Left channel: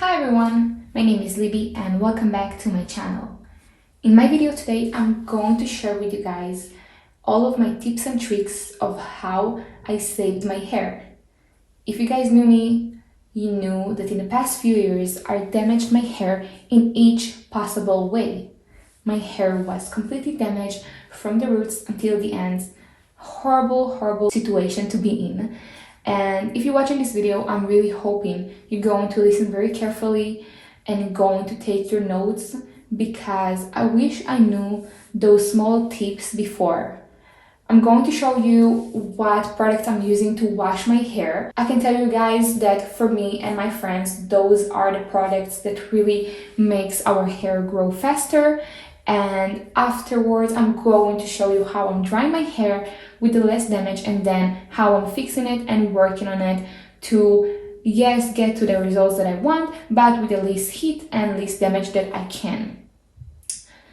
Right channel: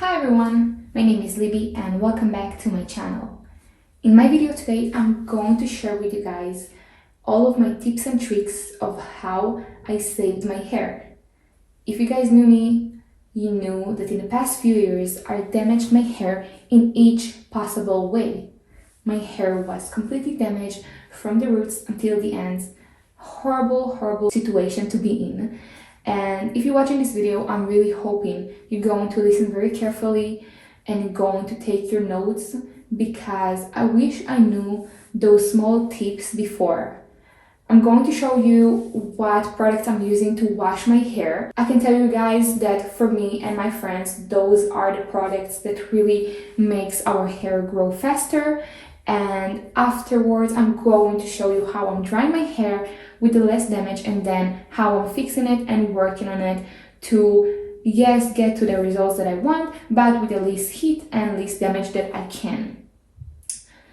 Hi everyone, my name is Libby and welcome back to my channel. In my video today, I'm going to share with you guys all of my tips and tricks of how I saved my hair. If you guys knew me, you knew that in the past few years, I damaged my hair in each possible way. My hair was completely damaged from the roots until the ends. Horrible situation to be in. And if you're watching this video, I'm really hoping you're going to listen very carefully and going to take your notes, because I wish I knew those small tips before. I'm going to show you what products I'm using to wash my hair. I can tell you guys that for me and my friends, those are the products that really makes our hair grow faster. And afterwards, I'm going to show you how I'm drying my hair with the less damage, and then how I'm fixing it and working on it to, yes, get to the results that I want, but with the least heat and least damage that I can.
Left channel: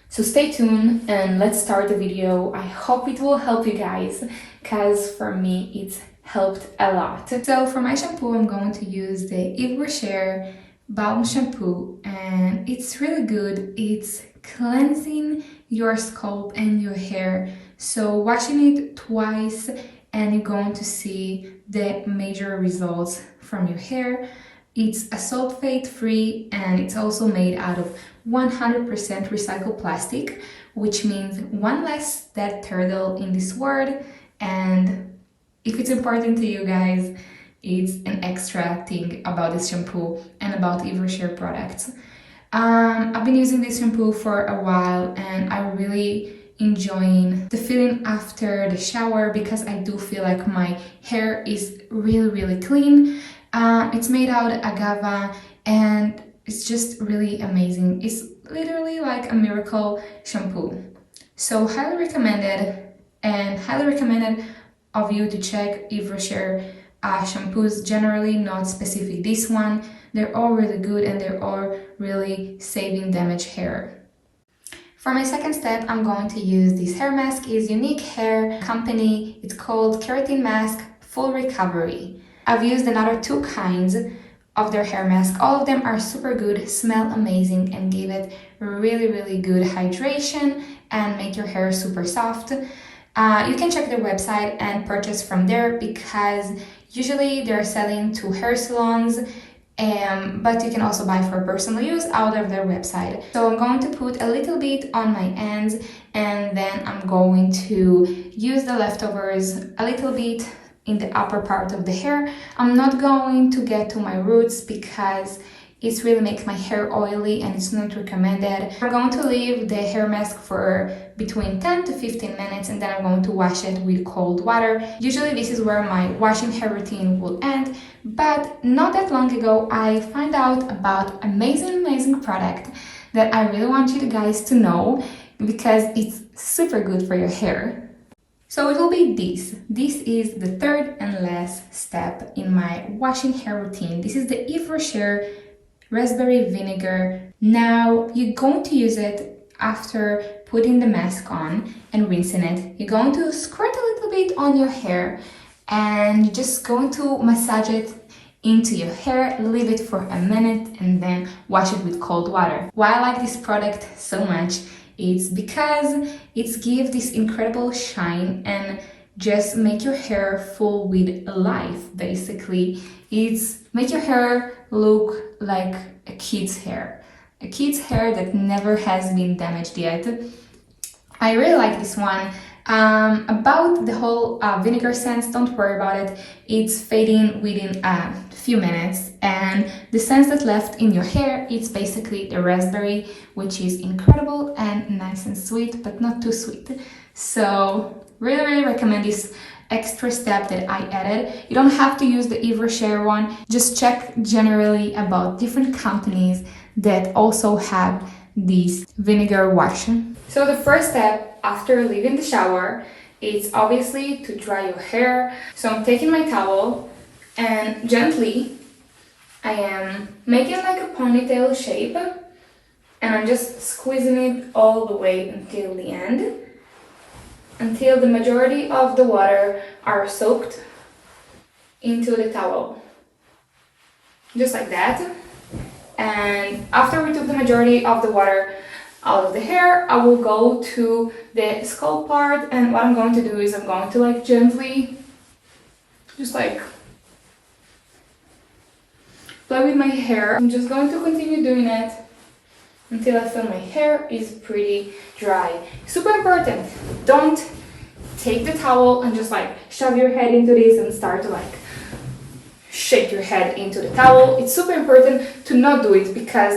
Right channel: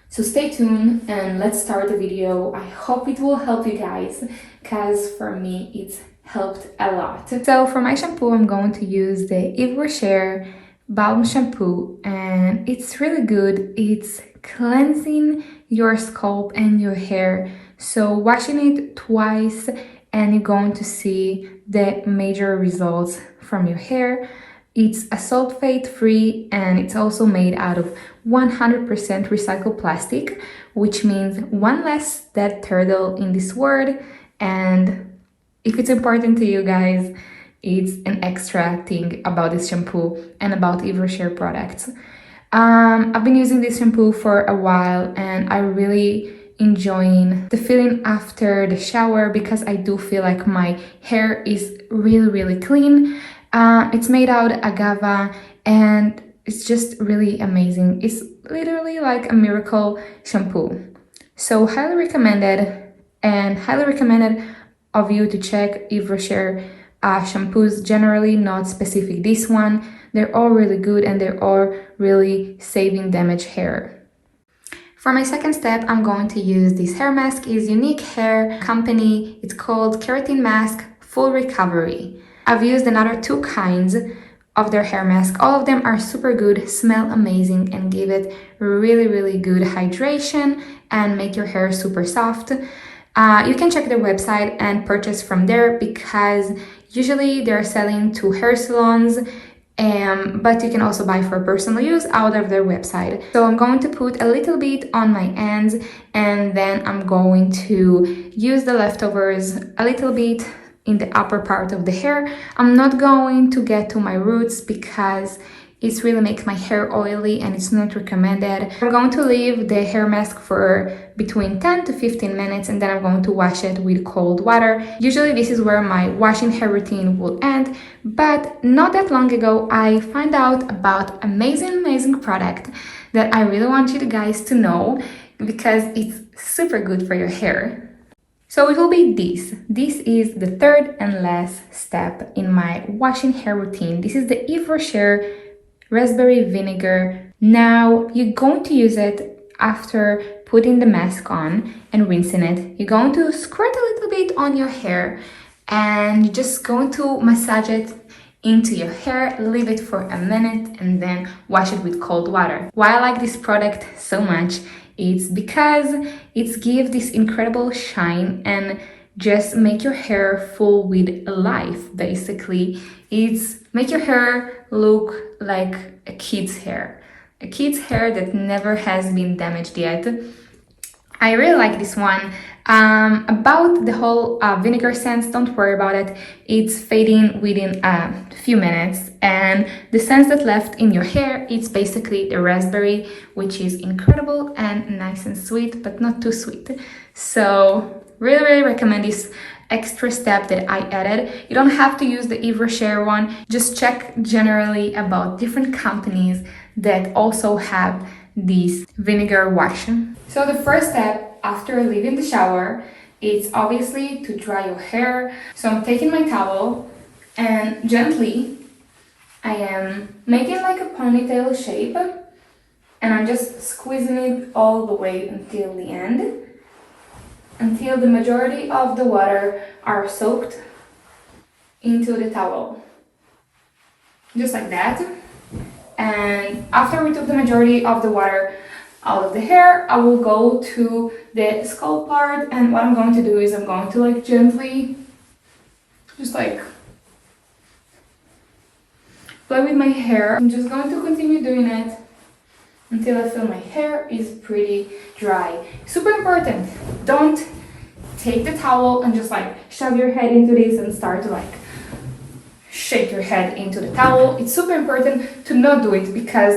So stay tuned and let's start the video. I hope it will help you guys, because for me it's helped a lot. So for my shampoo, I'm going to use the Vinegar balm shampoo, and it's really good. It's cleansing your scalp and your hair. So washing it twice and you're going to see the major results from your hair. It's a sulfate free and it's also made out of 100% recycled plastic, which means one less dead turtle in this world. And if it's important to you guys, it's an extra thing about this shampoo and about Vinegar products. I've been using this shampoo for a while and I really enjoying the feeling after the shower, because I do feel like my hair is really clean. It's made out of agave and it's just really amazing. It's literally like a miracle shampoo. So highly recommended, and highly recommended of you to check Vinegar shampoos generally, not specific this one. They're all really good and they're all really saving damaged hair. For my second step, I'm going to use this hair mask. It's Unique Hair Company. It's called Keratin Mask Full Recovery. I've used another two kinds of their hair mask. All of them are super good, smell amazing, and give it really good hydration and make your hair super soft. You can check their website and purchase from there, because usually they're selling to hair salons, but you can also buy for personal use out of their website. So I'm going to put a little bit on my ends, and then I'm going to use the leftovers a little bit in the upper part of the hair. I'm not going to get to my roots because it really makes my hair oily and it's not recommended. I'm going to leave the hair mask for between 10 to 15 minutes, and then I'm going to wash it with cold water. Usually this is where my washing hair routine will end, but not that long ago I found out about amazing product that I really want you guys to know, because it's super good for your hair. So it will be this. This is the third and last step in my washing hair routine. This is the Vinegar raspberry vinegar. Now you're going to use it after putting the mask on and rinsing it. You're going to squirt a little bit on your hair and you're just going to massage it into your hair, leave it for a minute, and then wash it with cold water. Why I like this product so much, it's because it gives this incredible shine and just make your hair full with life. Basically, it's make your hair look like a kid's hair that never has been damaged yet. I really like this one. About the whole vinegar scent, don't worry about it. It's fading within a few minutes, and the scent that left in your hair, it's basically the raspberry, which is incredible and nice and sweet, but not too sweet. So really recommend this extra step that I added. You don't have to use the Vinegar one. Just check generally about different companies that also have this vinegar wash. So the first step after leaving the shower is obviously to dry your hair. So I'm taking my towel and gently I am making like a ponytail shape, and I'm just squeezing it all the way until the end, until the majority of the water are soaked into the towel. Just like that. and after we took the majority of the water out of the hair, I will go to the scalp part, and what I'm going to do is I'm going to like gently just like play with my hair. I'm just going to continue doing it until I feel my hair is pretty dry. Super important, don't take the towel and just like shove your head into this and start to like shake your head into the towel. It's super important to not do it because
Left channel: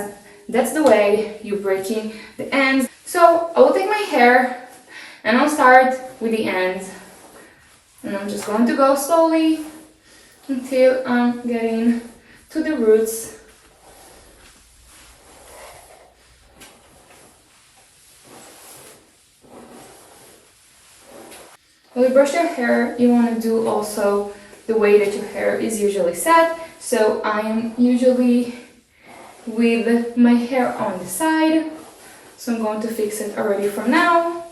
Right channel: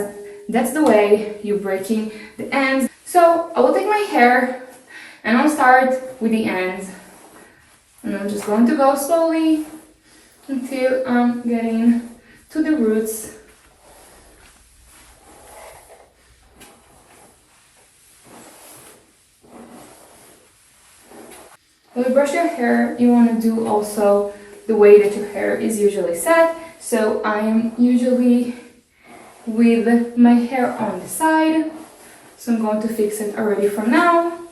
that's the way you're breaking the ends. So I will take my hair and I'll start with the ends. And I'm just going to go slowly until I'm getting to the roots. When you brush your hair, you want to do also the way that your hair is usually set. So I'm usually with my hair on the side. So I'm going to fix it already from now.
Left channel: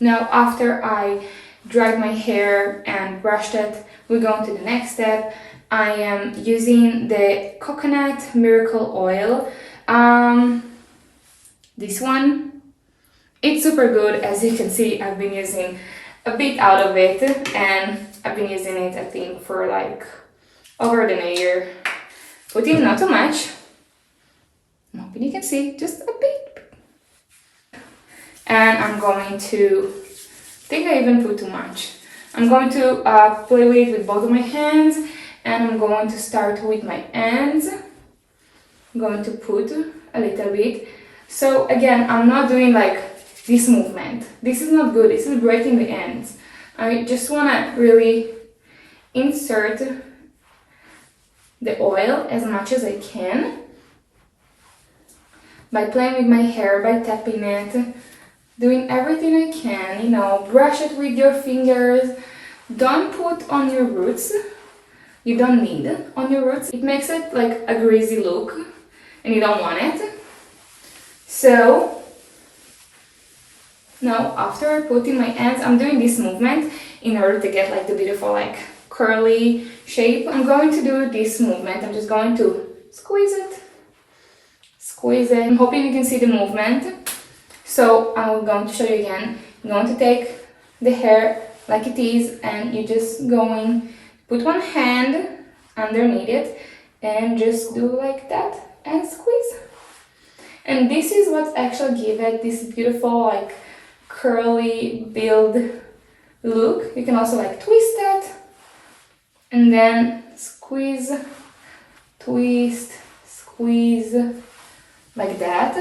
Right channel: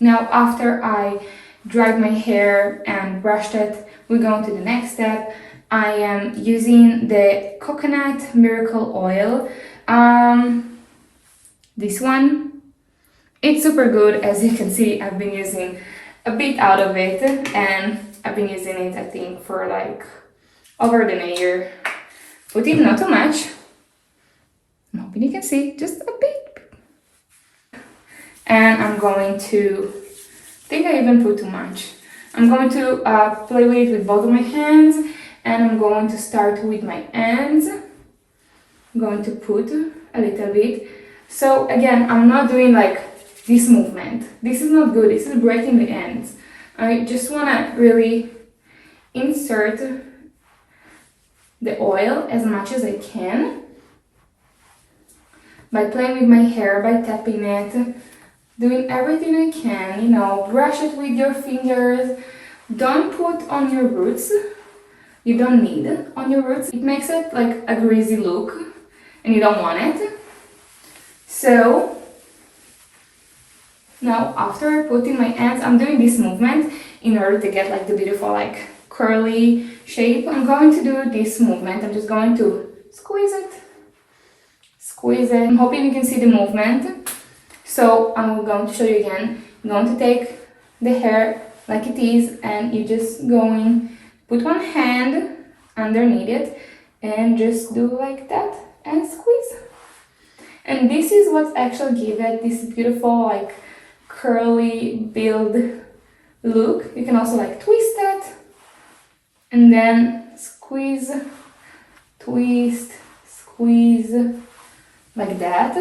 Now after I dried my hair and brushed it, we're going to the next step. I am using the coconut miracle oil. This one, it's super good. As you can see, I've been using a bit out of it, and I've been using it I think for like over than a year. Put in not too much. Hoping you can see, just a bit. And I'm going to, I think I even put too much. I'm going to play with it with both of my hands, and I'm going to start with my ends. I'm going to put a little bit. So again, I'm not doing like this movement. This is not good. This is breaking the ends. I just want to really insert the oil as much as I can by playing with my hair, by tapping it, doing everything I can, you know, brush it with your fingers. Don't put on your roots. You don't need it on your roots. It makes it like a greasy look and you don't want it. So now after I put in my ends, I'm doing this movement in order to get like the beautiful like curly shape. I'm going to do this movement. I'm just going to squeeze it. I'm hoping you can see the movement. So I'm going to show you again. I'm going to take the hair like it is, and you're just going put one hand underneath it and just do like that and squeeze. And this is what actually gives it this beautiful like curly build look. You can also like twist it and then squeeze, twist, squeeze like that.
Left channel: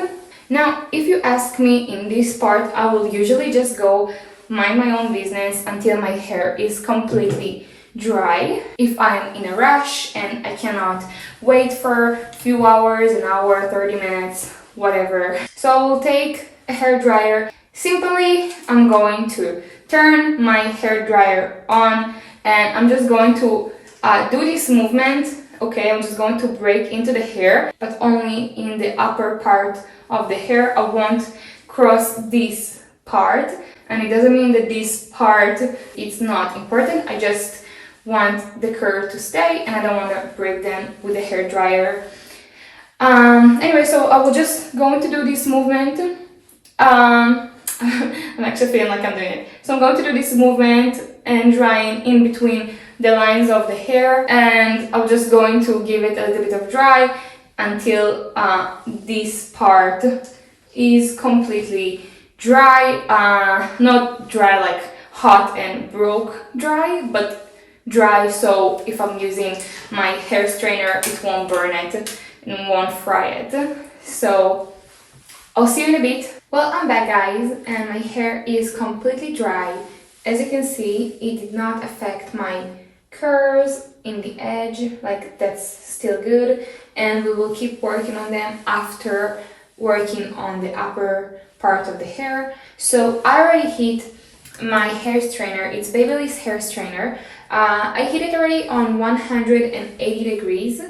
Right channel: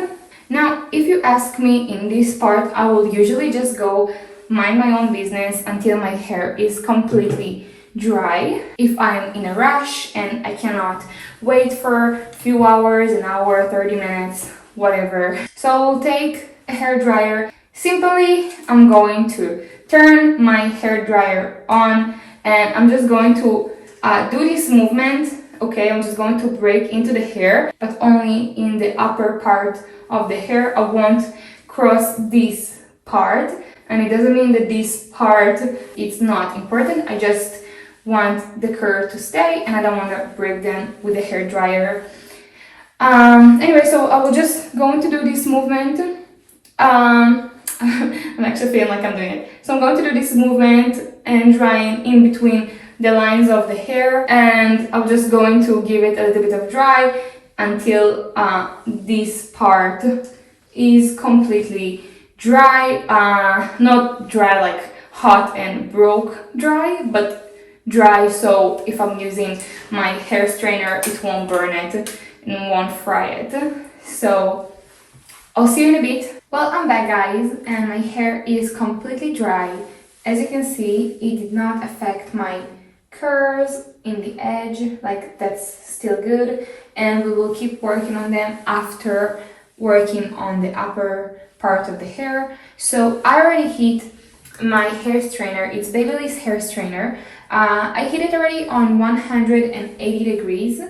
Now if you ask me in this part, I will usually just go mind my own business until my hair is completely dry. If I'm in a rush and I cannot wait for a few hours, an hour, 30 minutes, whatever. So I'll take a hair dryer. Simply, I'm going to turn my hair dryer on and I'm just going to do this movement. Okay, I'm just going to break into the hair, but only in the upper part of the hair. I won't cross this part, and it doesn't mean that this part is not important. I just want the curl to stay and I don't want to break them with the hair dryer. Anyway, so I will just going to do this movement. I'm actually feeling like I'm doing it. So I'm going to do this movement and drying in between the lines of the hair, and I'm just going to give it a little bit of dry until this part is completely dry. Not dry like hot and broke dry, but dry so if I'm using my hair strainer it won't burn it and won't fry it. So I'll see you in a bit. Well, I'm back guys, and my hair is completely dry. As you can see, it did not affect my curls in the edge, like that's still good, and we will keep working on them after working on the upper part of the hair. So I already heat my hair strainer. It's Babyliss hair strainer. I heat it already on 180 degrees.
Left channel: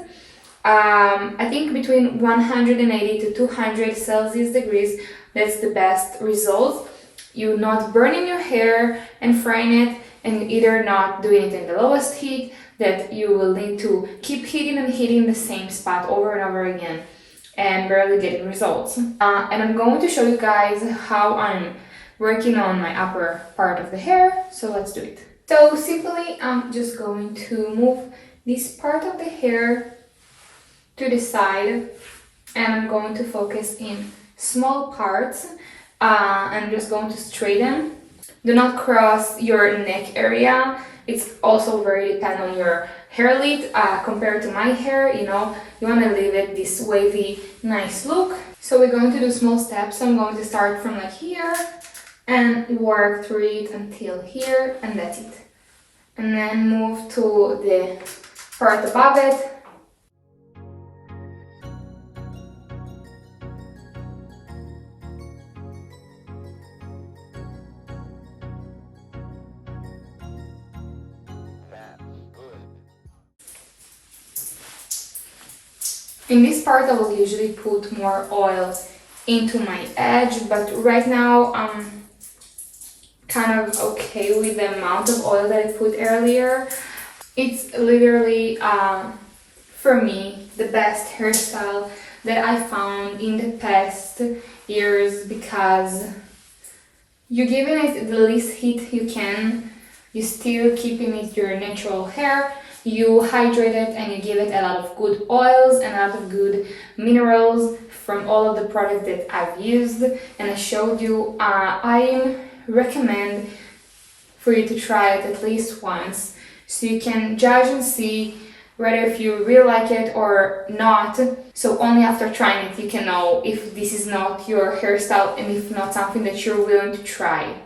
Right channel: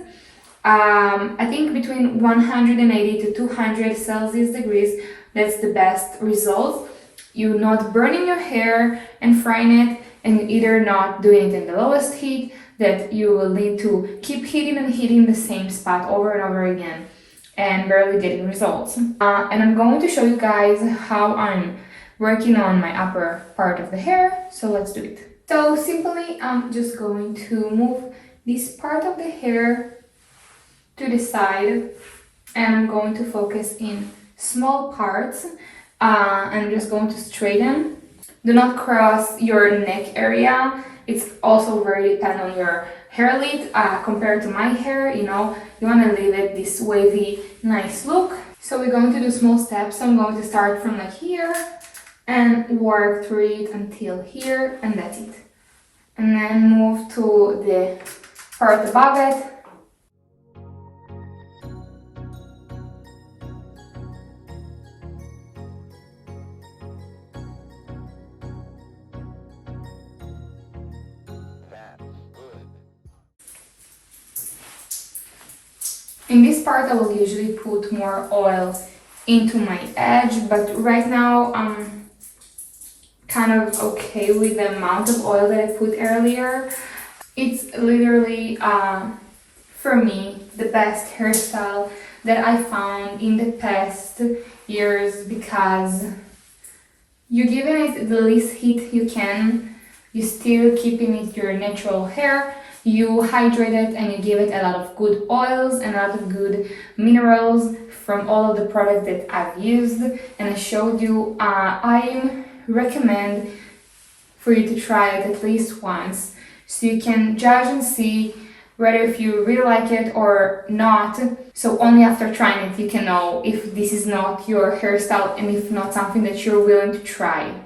I think between 180 to 200 Celsius degrees, that's the best result. You're not burning your hair and frying it, and you're either not doing it in the lowest heat, that you will need to keep hitting the same spot over and over again and barely getting results. And I'm going to show you guys how I'm working on my upper part of the hair, so let's do it. So simply I'm just going to move this part of the hair to the side, and I'm going to focus in small parts. I'm just going to straighten. Do not cross your neck area. It's also very dependent on your hair length. Compared to my hair, you know, you want to leave it this wavy, nice look. So we're going to do small steps. I'm going to start from like here and work through it until here, and that's it. And then move to the part above it. In this part I will usually put more oil into my edge, but right now I'm kind of okay with the amount of oil that I put earlier. It's literally, for me, the best hairstyle that I found in the past years, because you're giving it the least heat you can, you're still keeping it your natural hair, you hydrate it and you give it a lot of good oils and a lot of good minerals from all of the products that I've used and I showed you. I recommend for you to try it at least once so you can judge and see whether if you really like it or not. So only after trying it you can know if this is not your hairstyle and if not something that you're willing to try.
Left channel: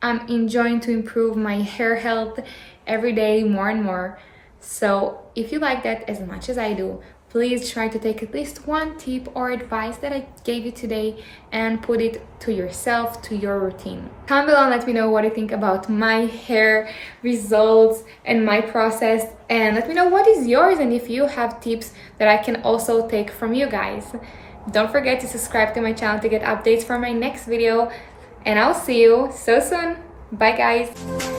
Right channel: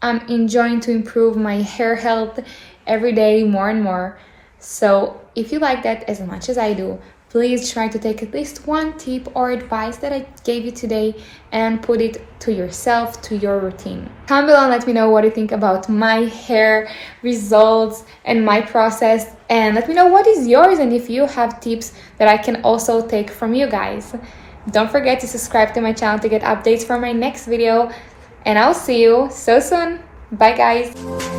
I'm enjoying to improve my hair health every day more and more. So if you like that as much as I do, please try to take at least one tip or advice that I gave you today and put it to yourself, to your routine. Comment below and let me know what you think about my hair results and my process, and let me know what is yours and if you have tips that I can also take from you guys. Don't forget to subscribe to my channel to get updates from my next video, and I'll see you so soon. Bye guys!